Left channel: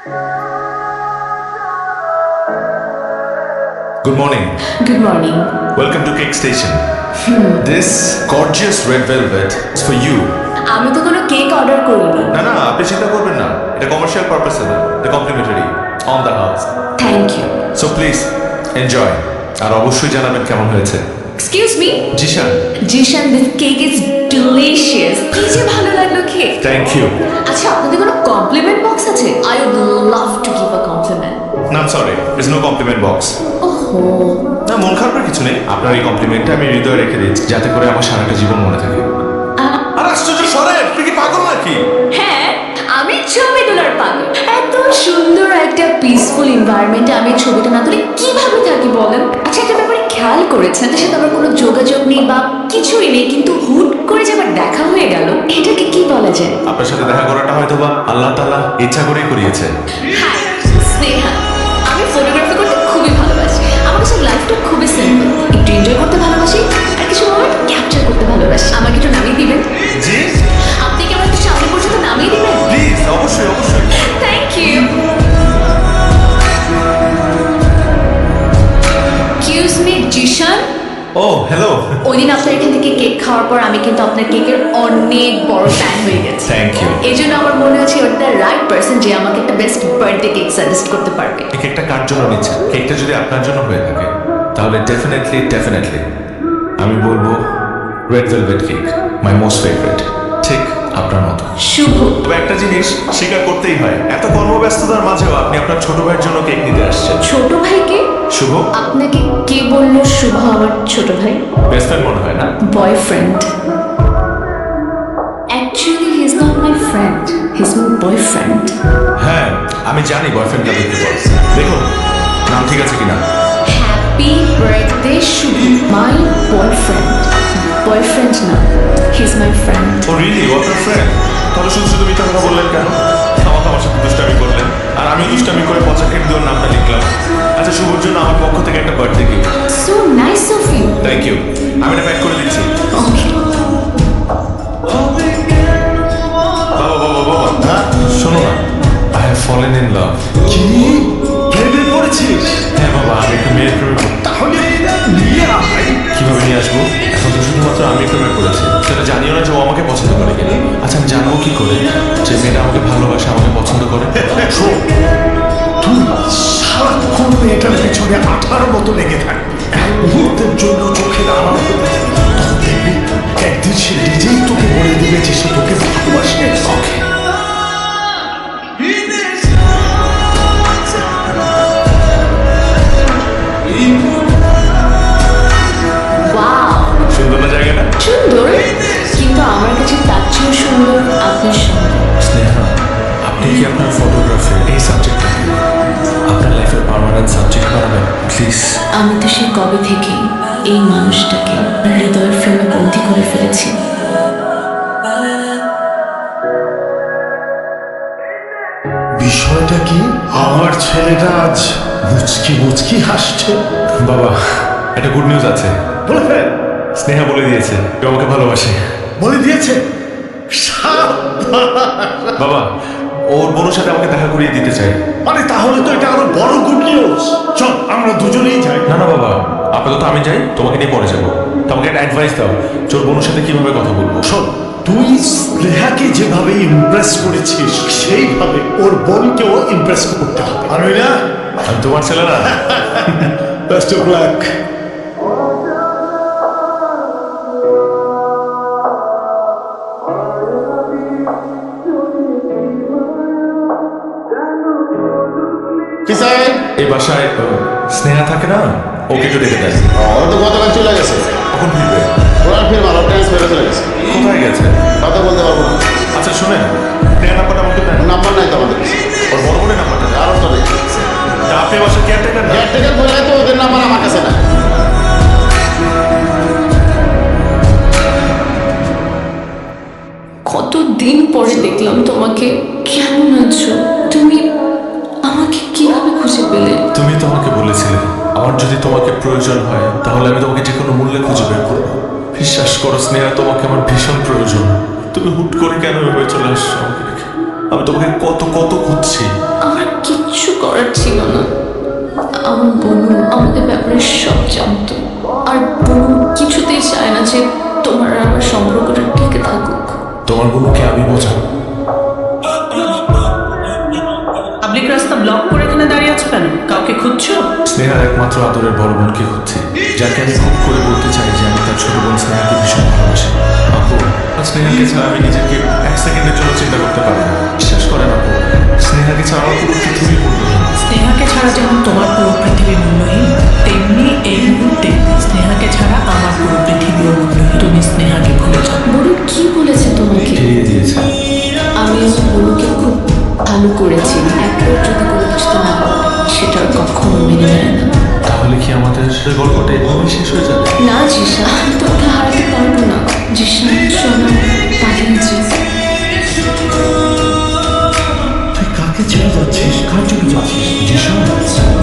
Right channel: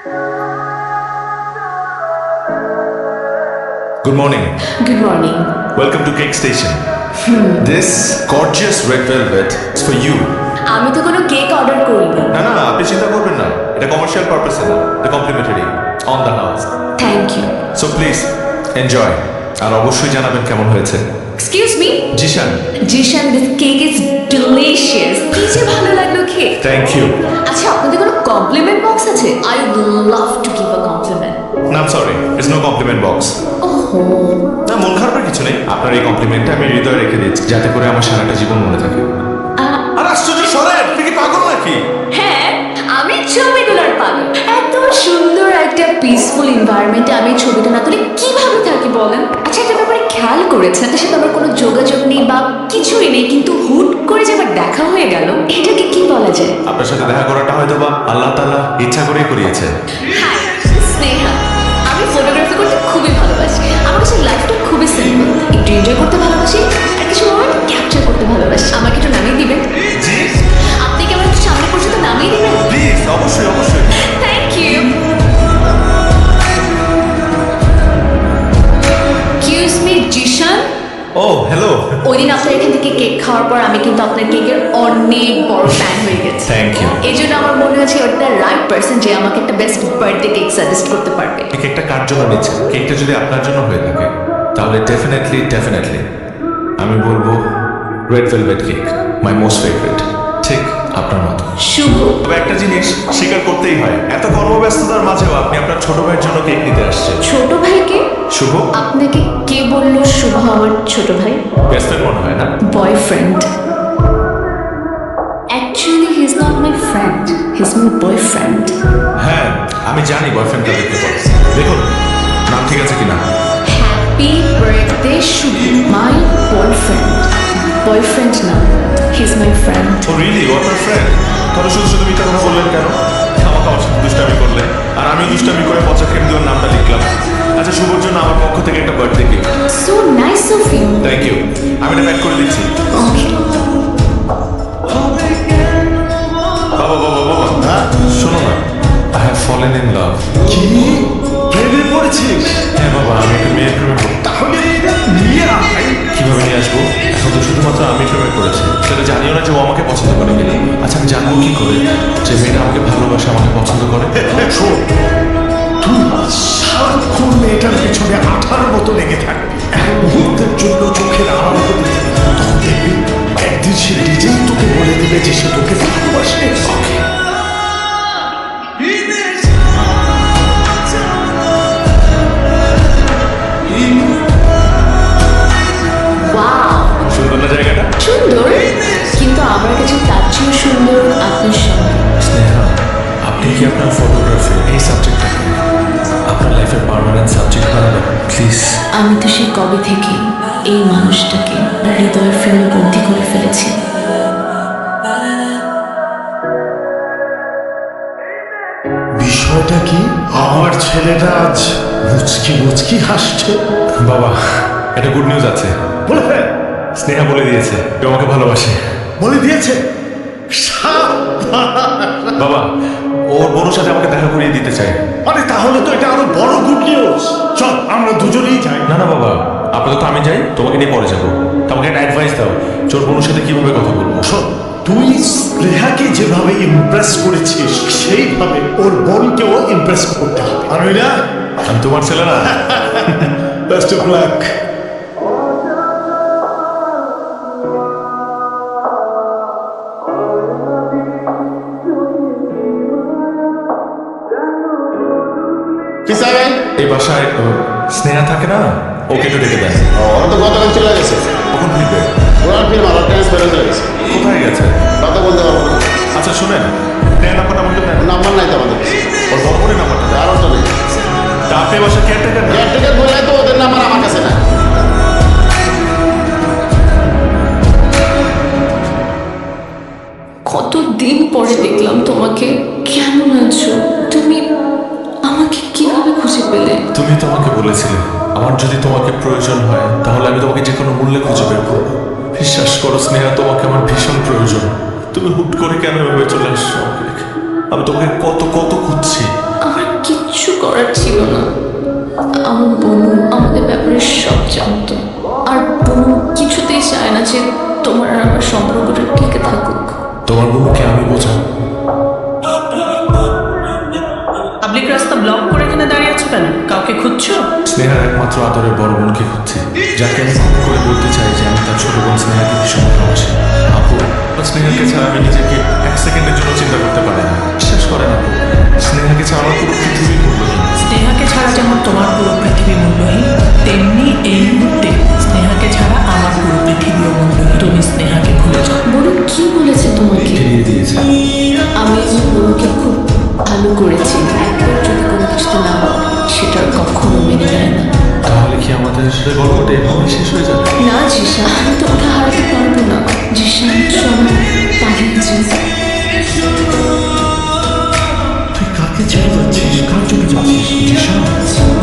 Good morning. Good morning. Welcome to Cake Station. This gorgeous red velvet is for you. আমি তো কোনো cake order করিনি। না আপনি চিন্তা করবেন না, এটা কমার্শিয়াল পারপাসে না, এটা complimentary on the house. Thank you. So please enjoy, আর অবশ্যই জানাবেন কেমন হয়েছে। Excuse me. Zishan. Zishan, this cake is delicious. কি যে ভালো লাগলো খেয়ে। Thank you. আচ্ছা, আপনাদের কোনো কমপ্লিমেন্ট বক্স আছে? I would love to give a compliment. না I am sorry, it's no compliment box. ওহো। না, মন খারাপের কিছু নেই, আপনার এই কমপ্লিমেন্টটা আমি হৃদয়ে রেখে দিচ্ছি, যাতে করে আমার সারাটা জীবন মনে থাকে। আর আশ্চর্য সরেন, তুই কি পাগল নাকি? হ্যাঁ, আমি ছবি তোলার পাগল। এত সুন্দর একটা পিসফুল এনভায়রনমেন্টে আমি ছবিটা না তুলে কিভাবে থাকি বলেন? আচ্ছা, একটা ব্যাপারে খেয়াল করেছেন, তার সাথে আমার কোনো যোগাযোগ নেই বা কিছুই নেই, কিন্তু হুট করে যে আমার দেখা হয়ে গেল, এটাকে কি বলা যায়? আপনার সাথে দেখা করাটা হয়তো বা আল্লাহ তাআলা ইচ্ছা করেই করিয়েছে। হাই, স্নেহা। আমি ফটোগ্রাফি করতে খুবই ভালোবাসি। আমার কাছে লাইফটা খুবই সিম্পল। একটু এনজয় করতে ভালোবাসি, আর কিছু মোমেন্ট ক্যাপচার করতে ভালোবাসি। আমাকে একটু নামিয়ে দিবেন? জি। আপনি কি আমার একটু সামনে পর্যন্ত নামিয়ে দিবেন? প্লিজ, অবশ্যই অবশ্যই। Thank you. Excuse me, Zeeshan. ও হ্যালো। ওই দিন আপনার এখান থেকে কেক খাওয়ার পর আমি কিন্তু আপনার কেকের অনেক বড় ফ্যান হয়ে গেছি। Thank you. এই জন্য আমার মনে হচ্ছে ওটা রাইট পার্সন যে আমাকে একটা বেস্ট বার্থডে কেক সাজেস্ট করতে পারবে। এই কেকটা কার জন্য নিচ্ছেন? কেকটা যদি আপনার জন্য হয়ে থাকে তাহলে ডেফিনেটলি আমি বলবো red velvet cake, my most favourite, ঠিক আপনার মতো। শুভ। তবে একটা জিনিস স্বীকার করতেই হয়, এত কর্মব্যস্ততার মাঝেও আপনি আপনার ছোট ভাইয়ের জন্য কেক নিতে আসছেন। ছোট ভাইকে? শুভ। আপনাকে কে বললো শুভ আমার ছোট ভাই? বেস্ট ফ্রেন্ড মনে হয় না? Boyfriend. Actually he is not my friend, he is my boyfriend. হ্যাঁ, আমি জানি বয়ফ্রেন্ড কাদেরকে বলে। দেখুন নাম ঠিক আছে কিনা। Happy birthday Shubho. My boyfriend. Boyfriend না, he is my friend. Oh really? ও আপনার ফ্রেন্ড? তাহলে শুধু শুধু মিথ্যা কথা বললেন কেন? আমাকে আমার সাথে দুষ্টামি করলেন, আর আমিও দুষ্টামি করে পচা খেম দেওয়ার নামটা লিখলাম। আচ্ছা, শুভর জন্য আমার পক্ষ থেকে একটা birthday gift. So nice of you. Thank you. আমি এটা প্যাক করে দিচ্ছি। ওকে। বাবা হ্যাঁ শোনো না, I have fallen in love. কি প্রেমে পড়েছিস? হ্যাঁ বাবা, আমি একটা মেয়ের প্রেমে তাহলে নিয়ে আয়। কিভাবে নিয়ে আসবো? এখন তো শুধুমাত্র আমি প্রেমে পড়েছি, সেটা জানিও না যে ও আমাকে পছন্দ করে কিনা। আচ্ছা, আমি জানবো কি করে যে মেয়েটা আমাকে ভালোবাসে, আমাকে পছন্দ করে? শোন, তুই সারাক্ষণ মেয়েটার পেছনে আঠার মতো লেগে থাকবি, এক মুহূর্তের জন্য চোখের আড়াল হতে দিবি না। তখন দেখবি একদিন সে নিজেই তোকে বলে দিবে যে সে তোকে ভালোবাসে। ওকে। ওয়াও, সুন্দর না জায়গাটা? সুন্দর, কিন্তু আমার কাছে তার চেয়েও সুন্দর আপনার সঙ্গে। স্নেহা, আপনি কি আপনার ফটোগ্রাফি এই সাবজেক্টটাকে আপনার লাইফের পার্মানেন্ট সাবজেক্ট বানাবেন প্লিজ? আমি তো সে কবে থেকে এই মানুষটাকে হৃদয়ের ফ্রেমে বন্দি করে ফেলেছি। বিষয়টা কি? আমার ছেলেটা আজ মুচকি মুচকি হাসছে। বাবা, একটা গুড নিউজ আছে। বলে ফেল। স্নেহা বলে দিয়েছে কেউ আমাকে ভালোবাসে। বলে দিয়েছে? বাবা, ওর বোনের সাথে আমাকে দেখা করিয়ে দিতে চাই। আরে তাহলে তো এটা আরো বড় গুড নিউজ। চল আমরা দুজনেই যাই। না বাবা, আপাতত আমি যাই, তোমাকে নিয়ে পরে যাবো। তোমাকে একটা অ্যাডভাইস দাও, ওর বোনের সাথে কিভাবে কথা বলবো। শোন, তুই স্নেহাকে যেভাবে ইমপ্রেস করেছিস সেইভাবে ওর বোনকেও ইমপ্রেস করতে হবে। আর না, আমি তোমার ছেলে না? Best of luck. এই বাসায় স্নেহা থাকে না, ওকে একটু ডেকে দেন। ওরা তো গতকাল চলে গেছে। কখন ফিরবে? ওরা ফির ভালো ট্রান্সফার চলে গেছে। কোথায় গেছে? কথা বলতে পারবো না। আচ্ছা শুনেন, স্নেহা নাম্বারটা আমাকে দেন। ওর নাম্বার নাই তো আমাদের কাছে। ওর বড় বোনের নাম্বারটা দেন। আরও তো নেই। তা আপনি বাসার কেয়ারটেকার না? কেয়ারটেকার বললে তো ওদের নাম্বার আমার কাছে নাই। কতদিন পরে দেখলাম তোমাকে। কেমন আছো তুমি? আমাকে কিভাবে খুঁজে পেলে? তুমি তো আমাকে বলেছিলে আমার যদি তোমাকে প্রয়োজন হয় তাহলে আমি তোমাকে যে কোনো মূল্যে খুঁজে বের করবো। বিশ্বাস করো স্নেহা, তোমাকে আমার ভীষণ প্রয়োজন। তুমি হুট করে কেন এভাবে চলে আসছো আমাকে রেখে? আমি তোমাকে কত কত খুঁজছি। আমার করার ছিল না। আমার বোনু আমাদের ব্যাপারে সব জানতো, আর বোনু কিছুতেই চায় না যে তোমার আর আমার সম্পর্কটা টিকে থাকুক। তোমার বোনকে আমি বোঝাবো। পাবলিক রাস্তা ব্লক করে এখানে দাঁড়িয়ে আছো কেন? কাউকে খুঁজছো? স্নেহার একমাত্র আদরের বড় বোনকে খুঁজছি, যাকে আমি খুব করে বলতে চাই যে আমি তার ছোট বোন স্নেহাকে ভীষণ ভালোবাসি। আপু, স্নেহাকে ছাড়া আমি নিজেকে এক সেকেন্ডের জন্য চিন্তা করতে পারি না। বিশ্বাস করেন আপু, স্নেহাকে ছাড়া আমার পুরো পৃথিবী মূল্যহীন। স্নেহাকে ছাড়া যেমন তোমার পুরো পৃথিবী মূল্যহীন, তেমনি এই মুহূর্তে স্নেহাকে ছাড়া আমার পুরো পৃথিবীও মূল্যহীন। তুমি স্নেহাকে ভুলে যাও। বড়ু কি বলেছে তোমাকে? ফিরিয়ে দিয়েছে। আমি আমার বোনকে খুব ভালো করেছি। একবার যদি কোনো কিছুতে না বলে, সেটা আর কখনো মেনে নেয় না। তাহলে কি আমাদের গল্পটা এভাবেই শেষ হয়ে যাবে? না জিশান, আমি তো ওকে হারাতে পারবো না। জিশান চলো পালিয়ে যাই। তুই কাকে ছেড়ে যাচ্ছিস? কার চোখে যাচ্ছিস? জিশান,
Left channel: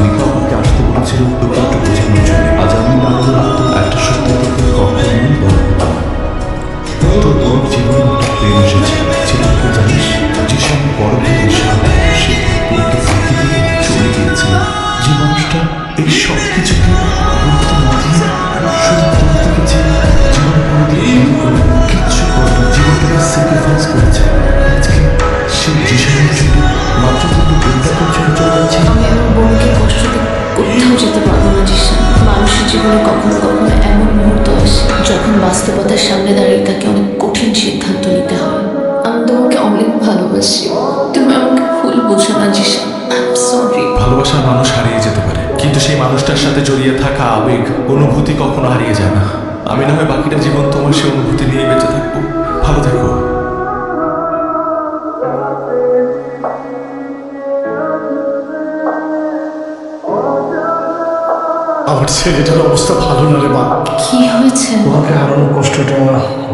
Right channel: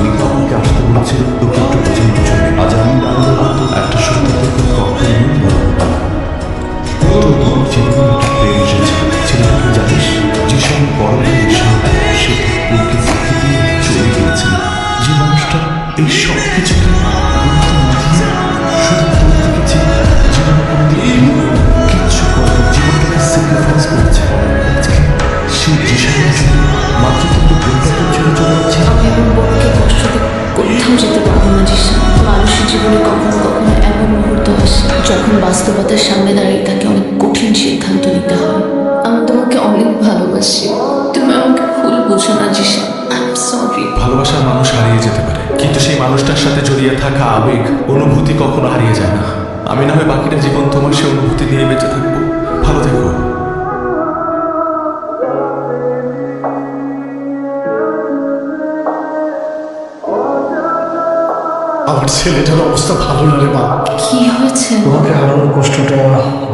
নিপা আমাকে আসতে বলেছিল তোকে একটু বোঝানোর জন্য। আজ আমি না হলে হয়তো একটা সত্য তোকে কখনোই বলা হতো না। তোর বোনের জীবনে একটা প্রেম এসেছিল, ছেলেটাকে জানিস? জিশান বড় ভাই নিশান, সে তোর বোনকে ফাঁকি দিয়ে চলে গিয়েছিল। যে মানুষটা এই সব কিছুকে গুরুত্ব না দিয়ে শুধু তোর থেকে জীবনে কোনোদিন বিয়ে করে কিচ্ছু করেনি, জীবনটাকে স্যাক্রিফাইস করেছে। আজকে সেই জিশানের জন্য মাত্র তোর বোনটাকে ছেড়ে চলে যাচ্ছে। আমি আমার বোনকে কষ্ট দিয়ে কোথাও যেতে পারবো না জিশান। মানুষের জীবনে কখনো কখনো এমন মুহূর্ত আসে যখন বাস্তবতার সামনে দাঁড়িয়ে তাকে অনেক কঠিন সিদ্ধান্ত নিতে হয়। আমি তোমাকে অনেক ভালোবাসি, তুমি আমাকে ভুল বোঝো না জিশান। I am sorry. ভালোবাসার মানুষ হারিয়ে যেতে পারে, কিন্তু সেই মানুষটার সাথে জড়িয়ে থাকা আবেগ, অনুভূতি কখনো হারিয়ে যায় না। আমি না হয় বাকিটা জীবন তোমার সেই অনুভূতি নিয়ে বেঁচে থাকবো। ভালো থেকো। আমার ছেলেটার অবস্থা ভালো না রে মা। কি হয়েছে? তোমাকে হারানোর কষ্টটা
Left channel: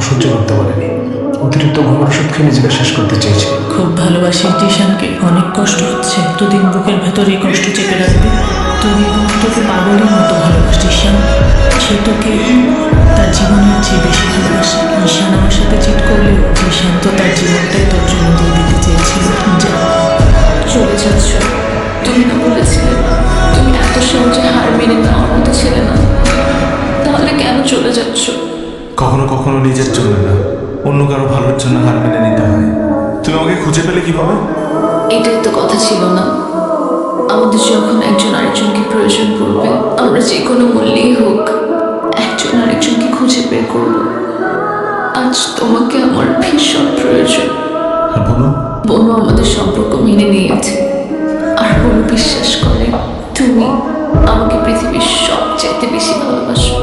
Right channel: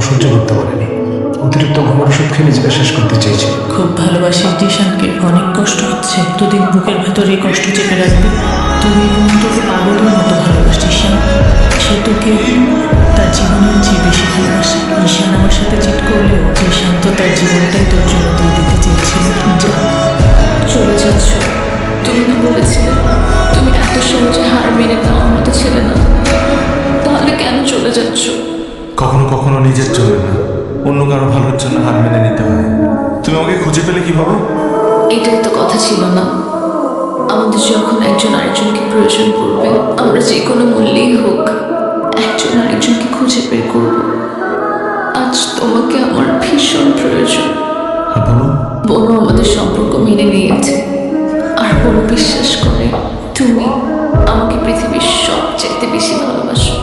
সহ্য করতে পারেনি। অতিরিক্ত ঘুমের ওষুধ খেয়ে নিজেকে শেষ করতে চেয়েছি। খুব ভালোবাসিস জিশানকে, অনেক কষ্ট হচ্ছে। এতদিন বুকের ভেতরে এই কষ্ট চেপে রাখবি? তুই বোন তোকে পাগলের মতো ভালোবাসিস ঈশান। সে তোকে তার জীবনের চেয়ে বেশি ভালোবাসে। ঈশান আমার সাথে চিট করলেও ঈশান তো তার জীবনটাই তোর জন্য দিয়ে দিতে চেয়েছিল। যা, চলে যাচ্ছ? তুমি না বলেছিলে তুমি এত সহজে হার মেনে নেওয়ার মতো ছেলে না? তাহলে কেন চলে যাচ্ছ? কখনো কখনো নিজের জন্য না, অন্য কারো ভালোর জন্য হার মেনে নিতে হয়। তুমি আমাকে খুঁজে পেলে কিভাবে? এটাই তো কথা ছিল না? আমাদের যখন একজন আরেকজনকে প্রয়োজন পড়বে, আমরা যে কোনো মূল্যেই হোক একজন আরেকজনকে খুঁজে বের করব। আজ তোমাকে আমার ভীষণ প্রয়োজন। আর বোনো? বোনও আমাদের সম্পর্ক মেনে নিয়েছে, আর বোনও বিশ্বাস করে তুমি আমাকে পৃথিবীর সবচাইতে বেশি ভালোবাসো।